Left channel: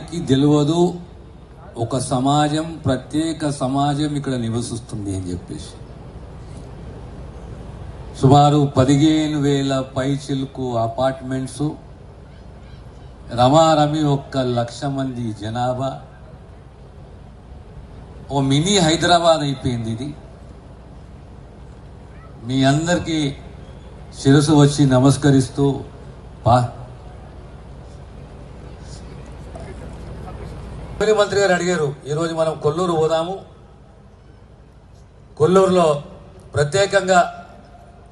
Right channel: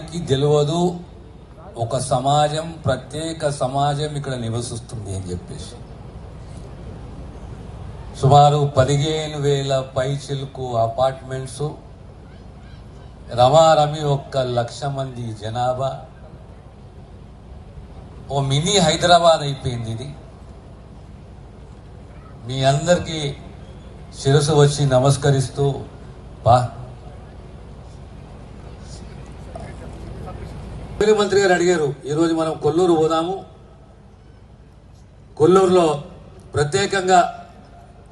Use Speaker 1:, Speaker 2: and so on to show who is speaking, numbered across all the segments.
Speaker 1: తెలియదు ఒక సమాజం ప్రత్యేక సమాజం ఇక్కడ నివసిస్తుంది అని చెప్పేసి. సుమారు పదిహేను వేల పైచిలకు అపార్ట్మెంట్స్ రమారమి ఒక్క లక్ష మంది జనాభా. ఓ మినీ హైదరాబాద్ అయిపోయింది ఇది. మీ అందరికీ శిరసు వచ్చి నమస్కరిస్తూ పా ముఖ్యమంత్రి గారు అడిగారు ఈరోజు మనం కొల్లూరు పోదాము. కొల్లూరులో ప్రత్యేకంగా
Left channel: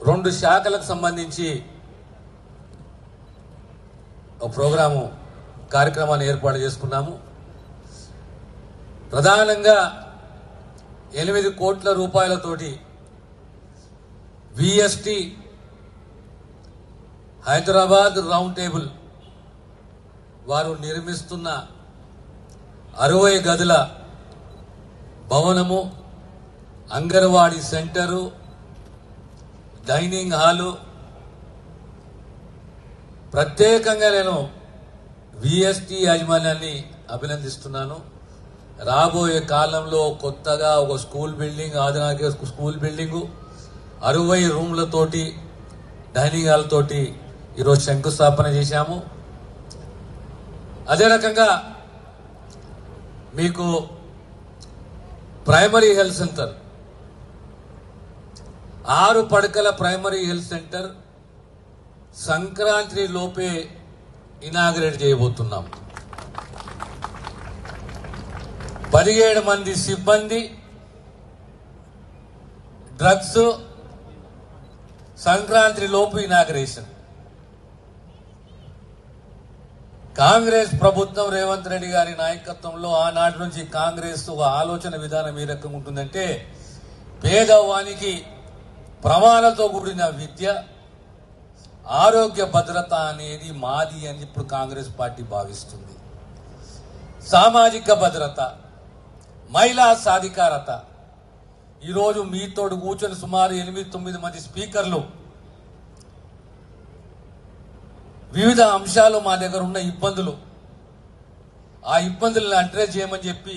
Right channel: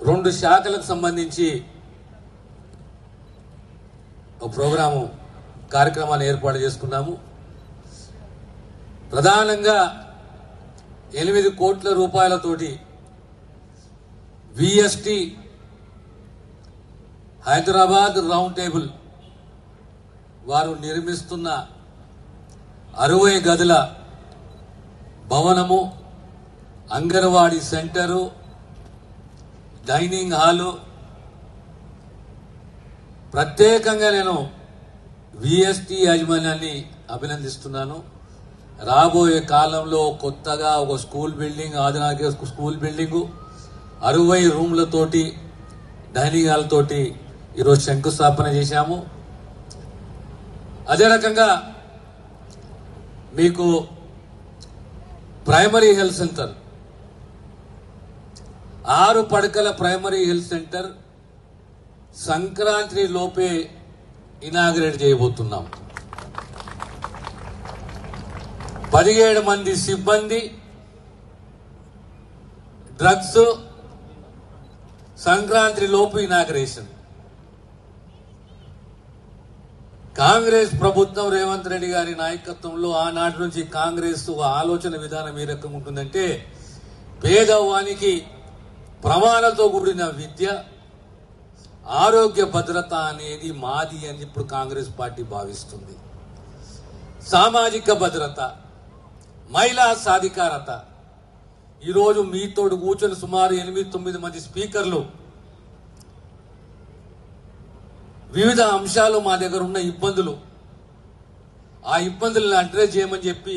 Speaker 1: రెండు శాఖలకు సంబంధించి ఒక ప్రోగ్రాము కార్యక్రమాన్ని ఏర్పాటు చేసుకున్నాము. ప్రధానంగా ఎనిమిది కోట్ల రూపాయలతోటి విఎస్టి హైదరాబాద్ రౌండ్ టేబుల్ వారు నిర్మిస్తున్న అరవై గదుల భవనము అంగన్వాడీ సెంటరు డైనింగ్ హాలు. ప్రత్యేకంగా నేను విఎస్టీ యాజమాన్యాన్ని అభినందిస్తున్నాను. రాబోయే కాలంలో కొత్తగా ఒక స్కూల్ బిల్డింగ్ ఆధునిక స్కూల్ బిల్డింగు అరవై రూమ్లతోటి డైనింగ్ హాల్తోటి ఈరోజు శంకుస్థాపన చేశాము. అదే రకంగా మీకు ప్రైమరీ హెల్త్ సెంటర్ ఆరు పడకల ప్రైమరీ హెల్త్ సెంటర్ సంక్రాంతి లోపే ఇనాగ్రేట్ చేయబోతున్నాం. పదిహేడు మంది సిబ్బంది డ్రగ్స్ సంక్రాంతి లోపు ఇనాగ్రేషన్ కాంగ్రెస్ ప్రభుత్వం రేవంత్ రెడ్డి గారి నాయకత్వంలో ఆనాటి నుంచి కాంగ్రెస్ ఒక ఆలోచన విధానం ఏ రకంగా ఉంటుందంటే పేదవానికి ప్రమాణాలతో కూడిన విద్య ఆరోగ్య భద్రత అనేది మాది అని ఇప్పుడు కాంగ్రెస్ పార్టీ భావిస్తుంది. సామాజిక భద్రత మహిళా సాధికారత. ఈరోజు మీతోడు కూర్చొని సుమారు ఎనిమిది తొమ్మిది మంది స్పీకర్లు వివిధ అంశాలు మా దగ్గర ఉన్న ఇబ్బందులు. ఆ ఇబ్బందులను అడ్రస్ చేయమని చెప్పి